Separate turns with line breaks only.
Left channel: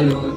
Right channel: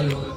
tayo.